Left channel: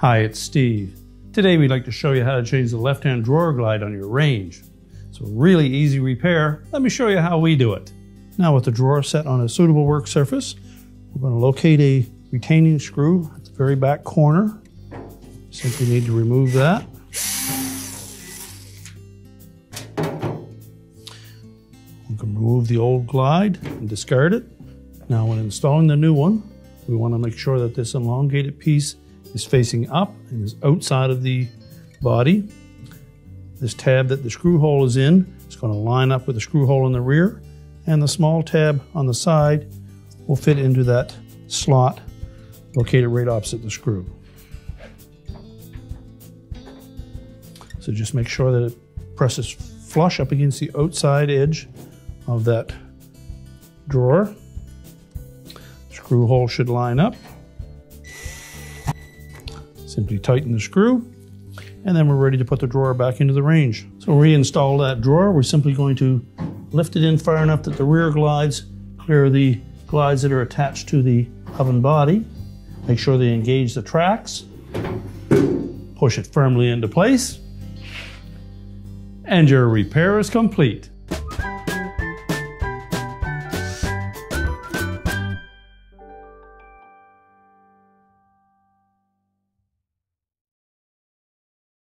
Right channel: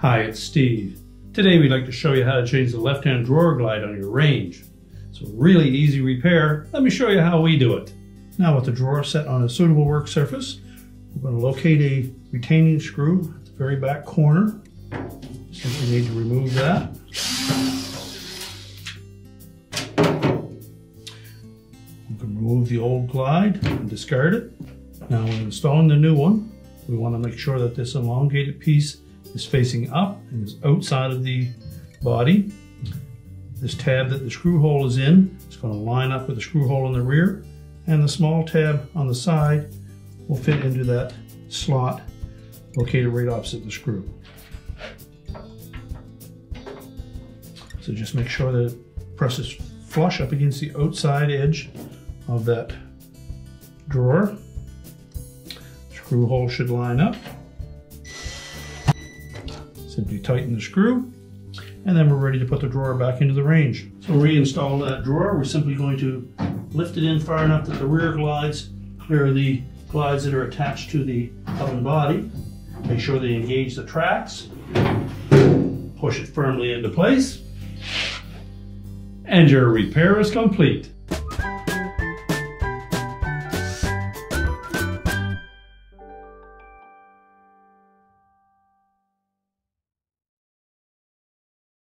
Hi, it's Steve. Today we'd like to show you how to change the left-hand drawer glide on your range. It's a really easy repair. Let me show you how we do it. Now with the drawer set on a suitable work surface, we're going to locate a retaining screw at the very back corner. Simply need to remove that. You can remove the old glide and discard it. Now when installing the new one, we want to make sure that this elongated piece is facing up and is outside of the body. This tab that the screw hole is in is going to line up with the screw hole in the rear, and the small tab on the side will fit into that slot located right opposite the screw. So just make sure that it presses flush up against the outside edge of that drawer. Screw hole should line up. Simply tighten the screw, and then we're ready to put the drawer back into the range. So to reinstall that drawer, we're simply going to lift it in far enough that the rear glides clear the glides that are attached to the oven body. Make sure they engage the tracks. Push it firmly into place, and your repair is complete.